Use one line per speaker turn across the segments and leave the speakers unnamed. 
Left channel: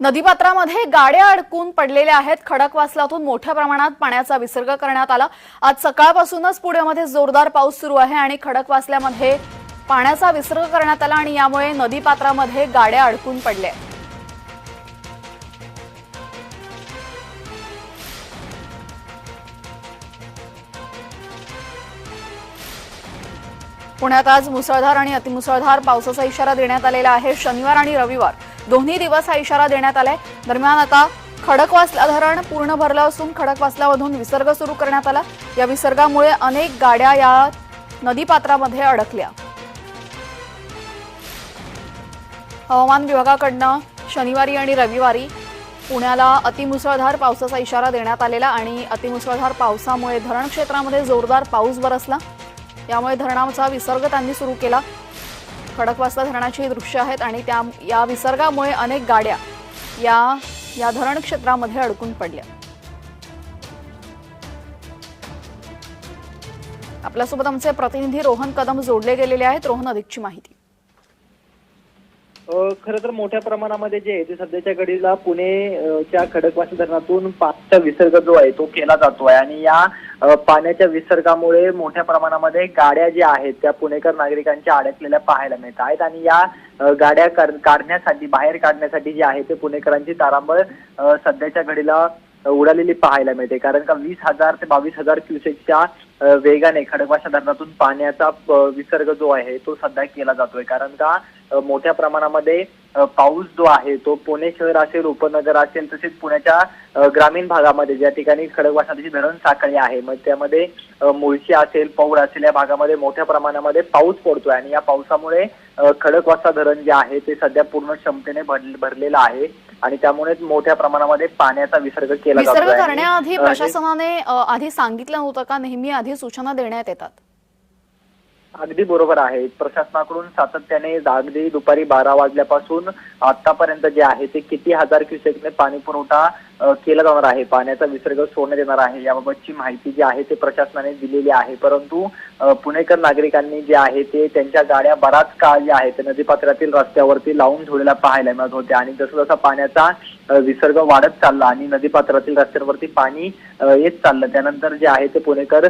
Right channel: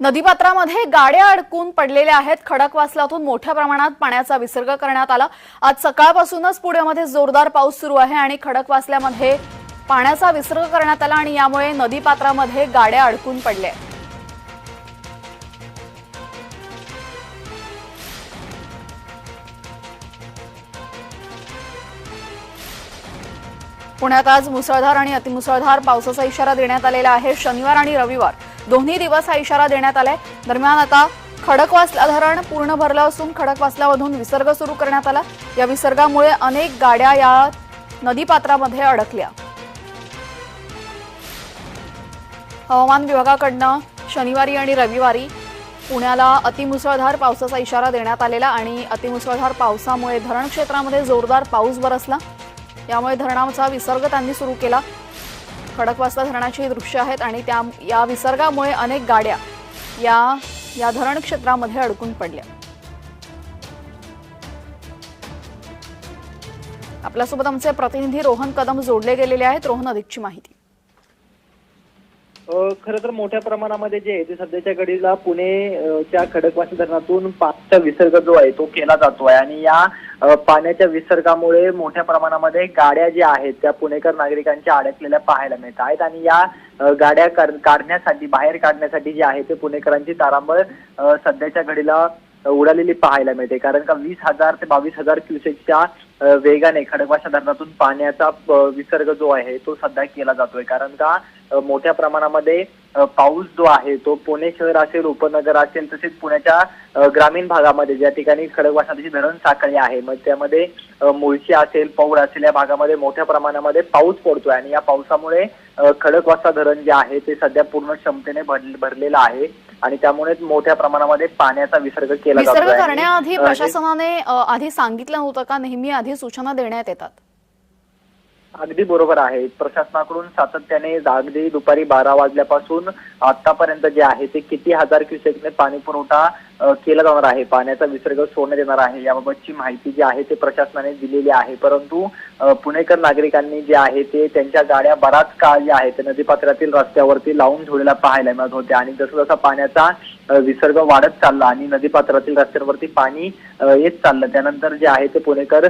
नदीपात्रामध्ये गाड्या अडकून पडलेल्या आहेत. खडकवासलातून मोठ्या प्रमाणात पाण्याचा विसर्ग करण्यात आला. आज सकाळपासूनच पुण्यामध्ये जोरदार पाऊस सुरू आहे आणि खडकवासल्यामध्ये पाण्याचा विसर्ग करण्यात आला आणि यामुळे नदीपात्रामध्ये गाड्या अडकून पडल्या. पुण्यात आज मुसळधार आणि अतिमुसळधार पावसाचा इशारा देण्यात आलेला आहे. शनिवार आणि रविवार दोन्ही दिवस हा इशारा देण्यात आलाय. दरम्यान आता खडकवासला धरण पूर्ण भरलं असून खडकवासल्यामधून विसर्ग सुरू करण्यात आला. या विसर्गामुळे अनेक गाड्या या नदीपात्रामध्ये अडकल्या. हवामान विभागाकडनं शनिवारी आणि रविवारी पुण्याला अतिमुसळधार पावसाचा इशारा देण्यात आलेला आणि अतिमुसळधार पावसामुळे धरण क्षेत्रामध्ये जोरदार पाऊस बरसला. यामुळे धरणाचा विसर्ग त्यांनी सुरू केला. खडकवासला धरणाची दृश्य आहेत आणि त्या या विसर्गामुळे अनेक गाड्या या या धरण क्षेत्रामध्ये अडकून पडल्या. आपल्यासोबत आमचे प्रतिनिधी रोहन कदम जोडले गेलेले आहेत. रोहन अधिकची माहिती.
खर तर मोठ्या प्रमाणामध्ये जे आहे ते सध्याच्या घडीला पुणेच्या खडकवासी धरणातून पाण्याचा विसर्ग जो आहे तो केला जातो आहे आणि या पाण्याच्या विसर्गामुळे मोठ्या प्रमाणामध्ये गाड्या ज्या आहेत त्या पुणेकर नागरिकांच्या अडकलेल्या पाहायला मिळत आहेत. आणि या गाड्या काढण्यासाठी बाहेर काढण्यासाठी जे आहे ते पुणेकरांची तारांबळ सध्याच्या घडीला उडालेली पाहायला मिळते. कारण का वीस हजार ते बावीस हजार क्युसेकच्या वेगाने खडकवासा धरणातून पाण्याचा विसर्ग जो आहे तो सध्या केला जातोय. कारण का मोठ्या प्रमाणामध्ये पाऊस जो आहे तो पुणे शहर असेल उपनगर असेल तसेच पुण्याच्या ग्रामीण भागामध्ये ज्या ठिकाणी खडकवासाची धरण साखळी आहे मग त्यामध्ये मुळशी असेल पौड असेल या भागामध्ये मोठ्या प्रमाणामध्ये पाऊस पडतोय. आणि या पावसामुळे खडकवासा धरण जे आहे ते सध्या पूर्ण क्षमतेने भर- भरलेलं आहे. आणि त्यामुळे मोठ्या प्रमाणामध्ये पाण्याचा विसर्ग केला आणि,
करण्याआधी प्रशासनाने आधी सांगितलं नव्हतं का नेहमी आधी सूचना देण्यात येतात.
अगदी बरोबर आहे. प्रशासनाकडून सातत्याने अगदी दुपारी बारा वाजल्यापासून आतापर्यंत जे आहे ते किती हजार क्युसेकने पाणी पुरवठा केला जाणार आहे. पाण्याचा विसर्ग सोडण्यात येणार आहे. याबाबतची माहिती जी आहे ते प्रशासनाने दिलेली आहे. परंतु पुणेकर नागरिकांनी जे आहे ते त्यांच्या गाड्या बराच काळ ज्या आहेत ते नदीपात्रातील रस्त्यावरती लावून ठेवलेल्या पाहायला मिळत होत्या आणि जसं जसा पाण्याचा विसर्ग वाढत चालला आणि नदीपात्रातील रस्त्यांवरती पाणी येत चाललं त्यानंतर जे आहे ते पुणेकर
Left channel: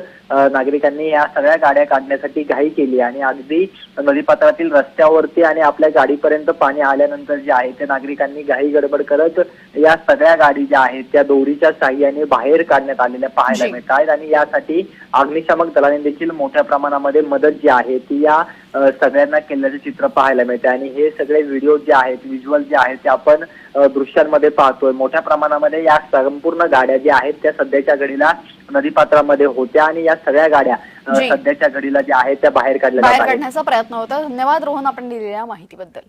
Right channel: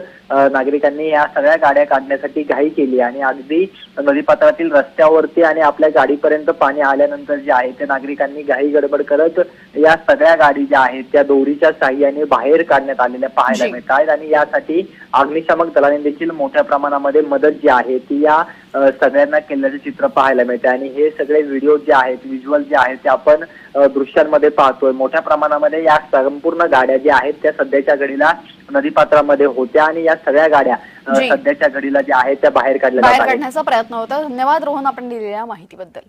नागरिकांनी या सगळ्या गाड्या काढण्यासाठी घाई केली. आणि अगदी नदीपात्रातील रस्त्यावरती आणि आपल्या गाडीपर्यंत पाणी आल्यानंतर जे आहे ते नागरिकांनी घाई गडबड करत या सगळ्या गाडी ज्या आहेत त्या दोरीच्या साह्याने बाहेर काढण्यात आलेल्या पाहायला. मिळत आहेत आणि यासाठी अग्निशामक दलाने देखील मोठ्या प्रमाणामध्ये मदत जी आहे ती या सगळ्यांना केल्याचे चित्र पाहायला मिळते. आणि हे सगळे व्हिडिओ जे आहेत व्हिज्युअल जे आहेत ते आपण दृश्यांमध्ये पाहतोय. मोठ्या प्रमाणामध्ये या संपूर्ण गाड्या ज्या आहेत त्या सध्याच्या घडीला नदीपात्रामध्ये होत्या आणि या सगळ्या गाड्या. सध्याच्या घडीला ज्या आहेत त्या बाहेर काढल्या
बाहेर काढण्याचा प्रयत्न होता. धन्यवाद रोहन आपण दिलेल्या माहितीबद्दल.